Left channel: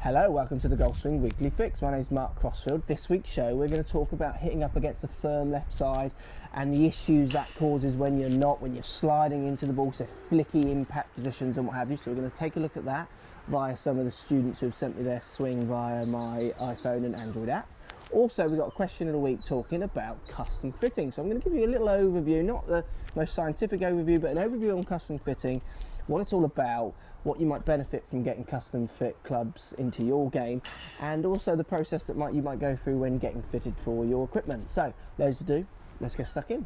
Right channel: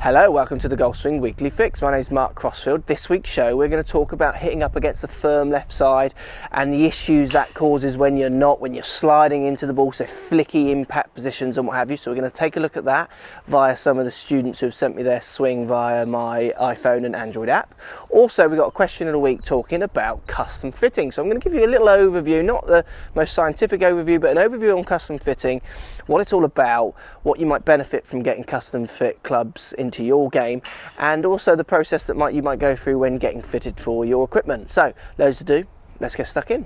Hello, welcome to the Golf Swing Weekly Fix. My name is Mark Crossfield. This week's show we're going to talk about hitting up against a firm left side and the issues that causes when you're sliding into the ball, so flicky impact positions and what have you. So we're going to take a look at that via some of the students who have sent me their swing via my iPhone and Android app. Also, we've got a question of the week talking about custom fitting. So I'm going to give you a little overview, not the most scientific overview, but an overview on custom fitting, what it's all about, what you might benefit from getting custom fit clubs into your game, and also the process that you might go through when getting fitted for your equipment. So, loads to do, let's get stuck in.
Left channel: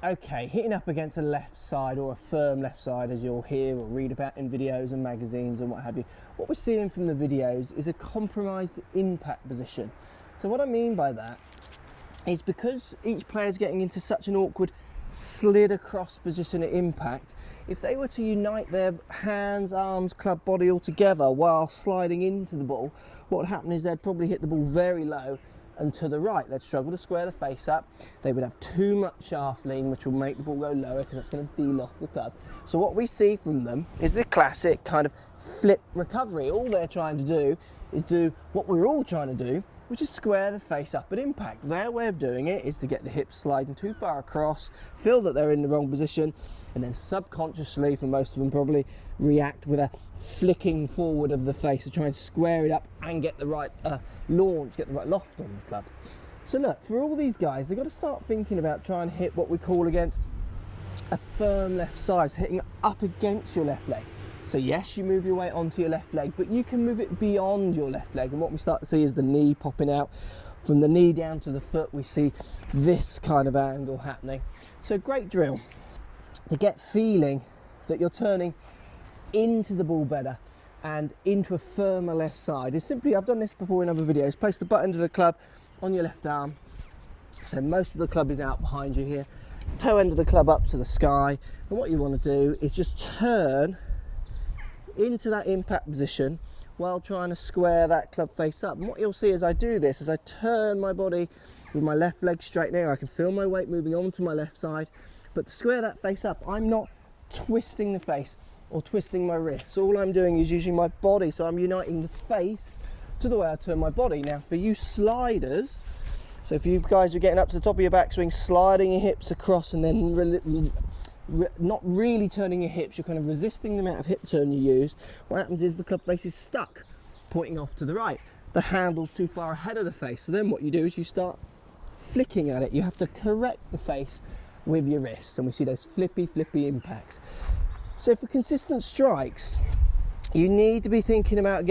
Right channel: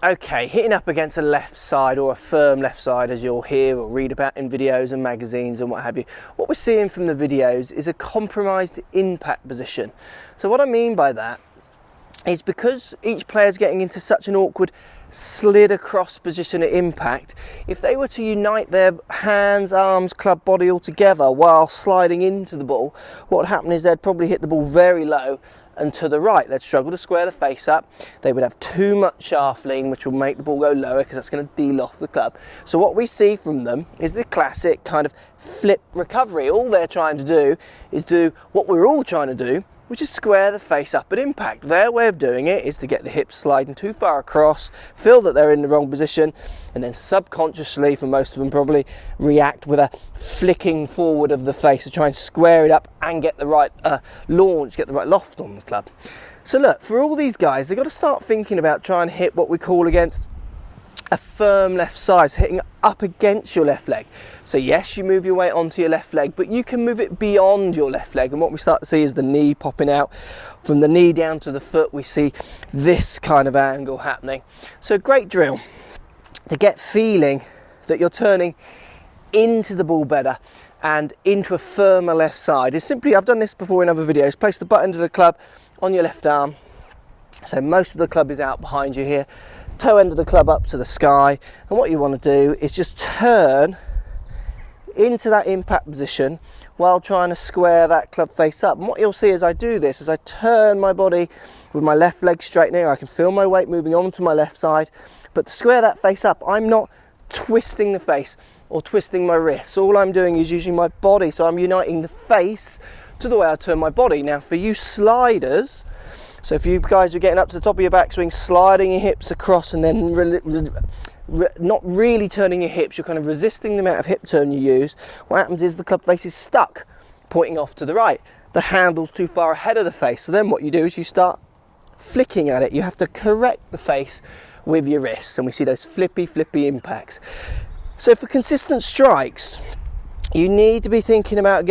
Okay, hitting up against a left side or a firm left side, as you'll hear or read about in videos and magazines and what have you, what we're seeing from the videos is a compromised impact position. So what I mean by that is because each player's getting into such an awkward slid across position at impact, if they were to unite their hands, arms, club, body all together while sliding into the ball, what would happen is they'd probably hit the ball very low and to the right. They'd struggle to square the face up. They would have too much shaft lean, which will make the ball go lower because that's going to deal off the club. So what we see from them is the classic kind of flip recovery. All they're trying to do is do what we're all trying to do, which is square the face up at impact. Their way of doing it is to get the hips sliding too far across, feel that they're in the wrong position, and then subconsciously, for most of them probably, react with a flicking forward of the face to try and square it up and get the right launch, get the right loft on the club. So look, for all these guys, they've got to start thinking about trying to hit what we call against a firm left side, so hitting up against your left leg. So yes, you move your weight onto your left leg, but you can move it beyond your left leg. And what we start to see is the knee popping out. From the knee down to the foot, we see this kind of angle happening. So great drill to get feeling that you're turning into the ball better and into a firmer left side is simply, I've done this before in other videos, place the butt end of the club on your left arm. So most of the club is out behind you here. Toe end of the club up to the sky. And what you want to do is just turn into that impact position while trying to square that club face up. And what you'll see as I do this is I turn my body with my left leg straightening. I can feel my weight moving onto my left side, but to square that face up, I'm not twisting the face or twisting my wrists. All I'm doing is using my body, so I'm uniting the face to the way I turn my body. Now for you sliders, so if you guys are getting up to the top of your backswing, sliding your hips across and then not really turning your hips, you're kind of resisting the amount of hip turn you use. What happens is the club face is stuck, pointing off to the right. The handle's too far ahead of the face. So then what you do is you start flicking at it. You have to correct the face with your wrists, and we see those flippy impacts. So for consistent strikes, you need to be thinking about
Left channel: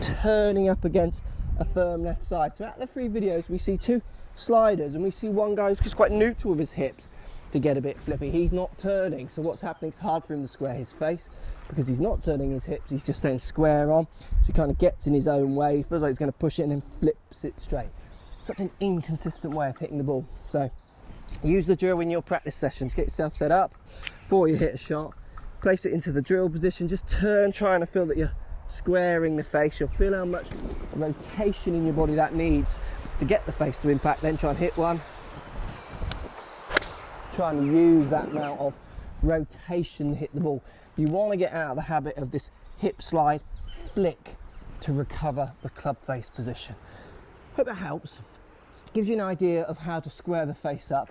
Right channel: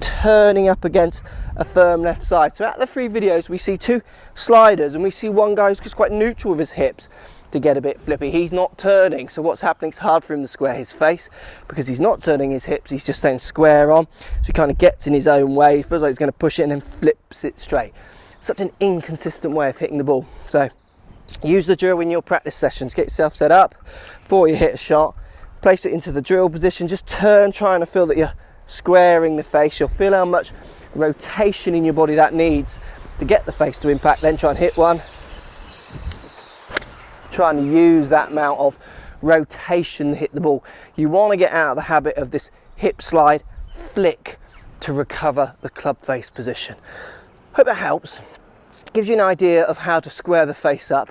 turning up against a firm left side. So out of the three videos, we see two sliders, and we see one guy who's just quite neutral with his hips to get a bit flippy. He's not turning, so what's happening, it's hard for him to square his face because he's not turning his hips, he's just staying square on, so he kind of gets in his own way, he feels like he's going to push it and then flips it straight. Such an inconsistent way of hitting the ball. So use the drill in your practice sessions, get yourself set up before you hit a shot, place it into the drill position, just turn, trying to feel that you're squaring the face. You'll feel how much rotation in your body that needs to get the face to impact, then try and hit one. Try and use that amount of rotation to hit the ball. You want to get out of the habit of this hip slide flick to recover the club face position. Hope that helps. Gives you an idea of how to square the face up.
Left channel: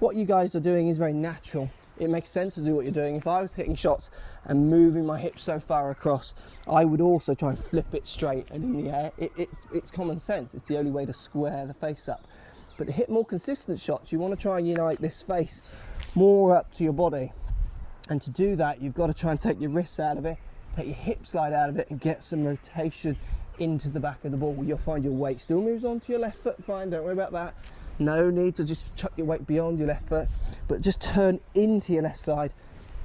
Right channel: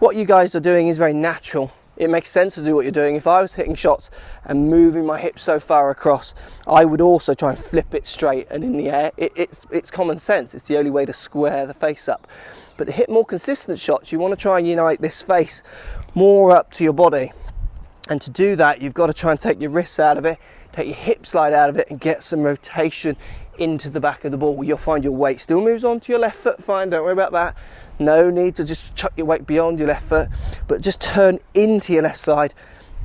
What you guys are doing is very natural. It makes sense to do what you're doing. If I was hitting shots and moving my hips so far across, I would also try and flip it straight and in the air. It's common sense. It's the only way to square the face up. But to hit more consistent shots, you want to try and unite this face more up to your body. And to do that, you've got to try and take your wrists out of it, take your hip slide out of it, and get some rotation into the back of the ball. You'll find your weight still moves onto your left foot, fine, don't worry about that. No need to just chuck your weight beyond your left foot, but just turn into your left side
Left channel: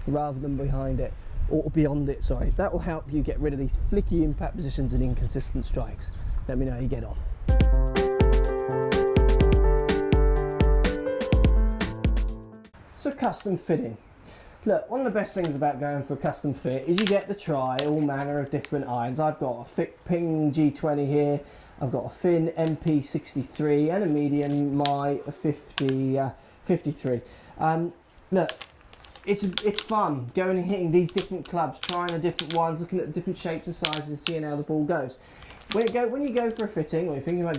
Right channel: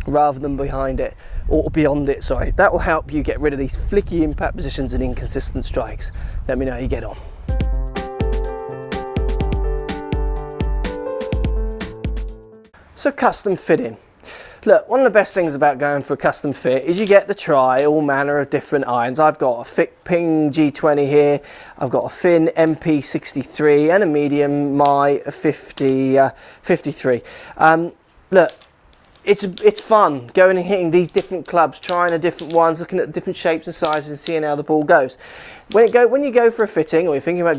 rather than behind it, or beyond it, sorry. That will help you get rid of these flicky impact positions and inconsistent strikes. Let me know how you get on. So custom fitting. Look, one of the best things about going for a custom fit is you get to try all manner of different irons. I've got a thick Ping G20 here, I've got a thin MP63 and a medium my 53. Look, it's fun going and hitting these different clubs, trying the different ones, looking at different shapes and sizes and seeing how the ball goes. When you go for a fitting, or you're thinking about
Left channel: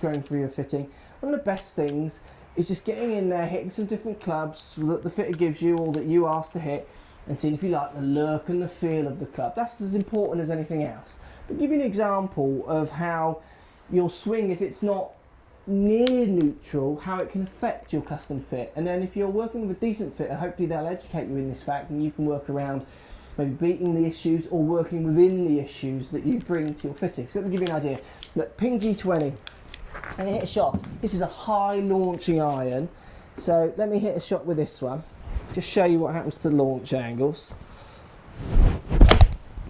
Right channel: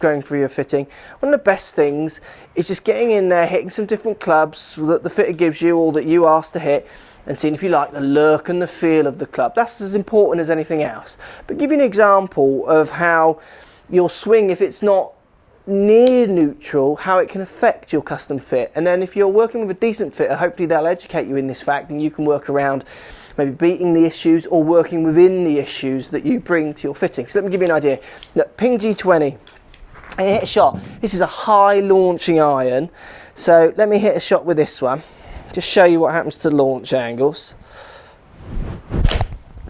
going for your fitting, one of the best things is just getting in there, hitting some different clubs that the fitter gives you or that you ask to hit, and seeing if you like the look and the feel of the club. That's as important as anything else. But give you an example of how your swing, if it's not near neutral, how it can affect your custom fit. And then if you're working with a decent fitter, hopefully they'll educate you in this fact, and you can work around maybe beating the issues or working within the issues that you bring to your fitting. So let me give you an idea. Look, Ping G20, and hit a shot. This is a high launching iron, so let me hit a shot with this one, just show you what happens to launch angles.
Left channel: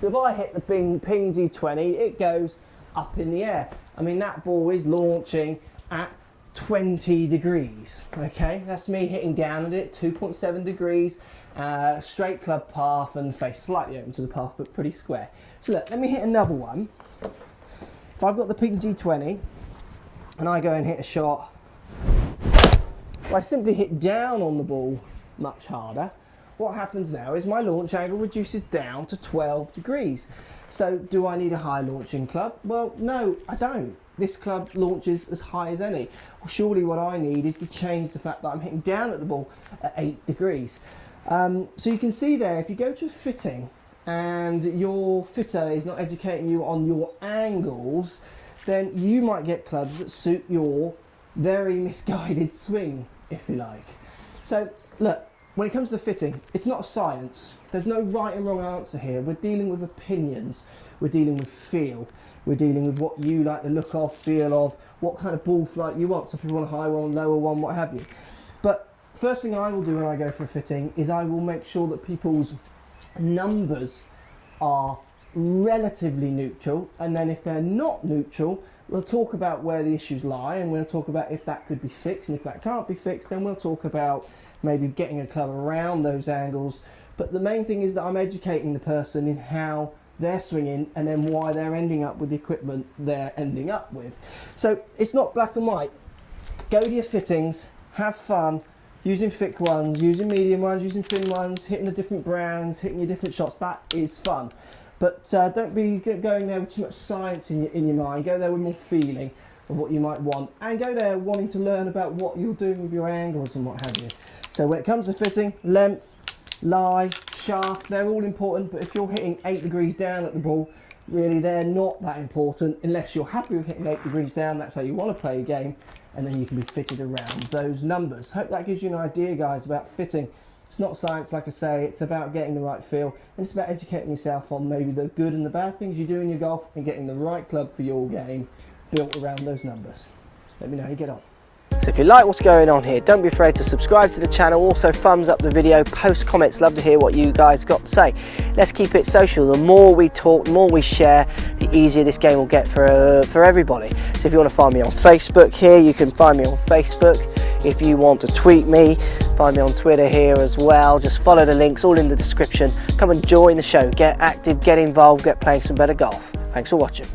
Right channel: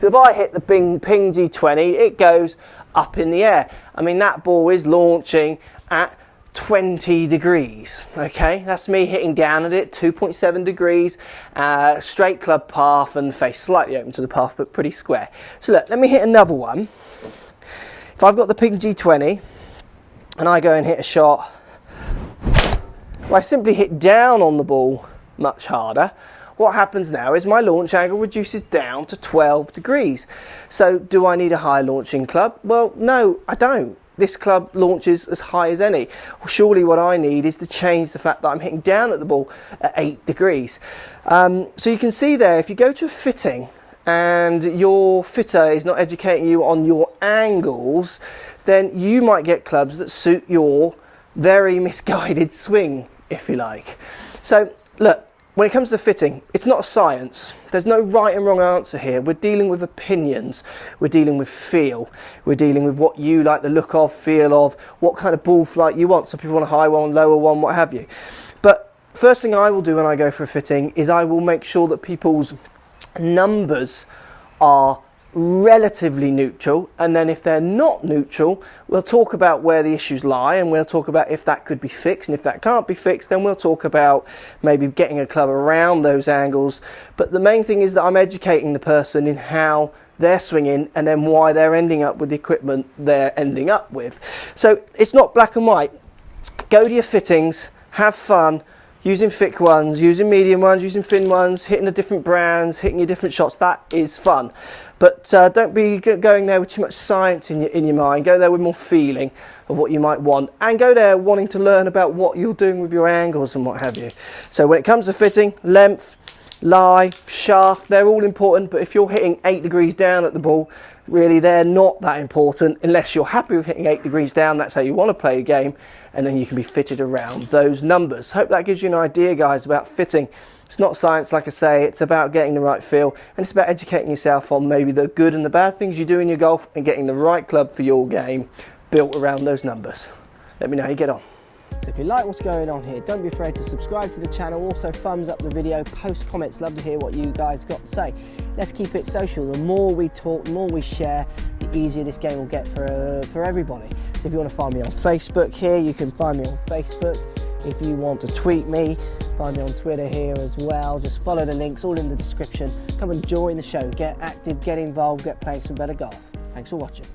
So if I hit the Ping G20, it goes up in the air. I mean, that ball is launching at 20 degrees, okay? That's me hitting down at it, 2.7 degrees, straight club path and face slightly open to the path, but pretty square. So look, let me hit another one. If I've got the Ping G20, and I go and hit a shot, well, I simply hit down on the ball much harder. What happens now is my launch angle reduces down to 12 degrees. So do I need a high launching club? Well, no, I don't. This club launches as high as any. Well, surely what I need is to change the fact that I'm hitting down at the ball at 8 degrees. So you can see there, if you go to a fitting and your fitter is not educating you on your angles, then you might get clubs that suit your very misguided swing, if you like. So look, when it comes to fitting, it's not a science. There's no right and wrong answer here. We're dealing with opinions. We're dealing with feel. We're dealing with what you like the look of, feel of, what kind of ball flight you want. Some people want a high one, lower one, what have you. But first thing I will do when I go for a fitting is I will make sure that people's numbers are relatively neutral, and then if they're not neutral, we'll talk about where the issues lie, and we'll talk about if that could be fixed, and if that can't be fixed, then we'll talk about maybe getting a club around those angles. But the main thing is that I'm educating the person in how they're swinging and then why they're ending up with the equipment they're ending up with. So it's not black and white. Go to your fittings, have fun, using thick ones, using medium ones, using thin ones, hitting the different brands, hitting your different shots. That is fun. But don't be going there with too much science in your mind. Go there with more feeling of what you might want, and go there wanting to learn about what you're doing with your angles and what have you. So when it comes to fitting, length, lie, shaft, they're all important, but if you're hitting 8 degrees down at the ball, really they're not that important unless you're happy with hitting 8 degrees down. That's how you want to play the game, and then you can be fitted around those numbers. Hope that gives you an idea, guys, about fitting. It's not science, like I say. It's about getting the right feel, and it's about educating yourself on maybe the good and the bad things you do in your golf, and getting the right club for your game built around those numbers. Let me know how you get on. So if you like what's going on here, don't be afraid to subscribe to the channel. Also thumbs up the video, post comments, love to hear what you guys got to say. Let's keep it social. The more we talk, the more we share, the easier this game will get for everybody. So if you want to find me on Facebook here, you can find me on Facebook. If you want to tweet me, find me on Twitter here as well. Just follow the links, all in the description. Come and join the show, get active, get involved, get playing some better golf. Thanks for watching.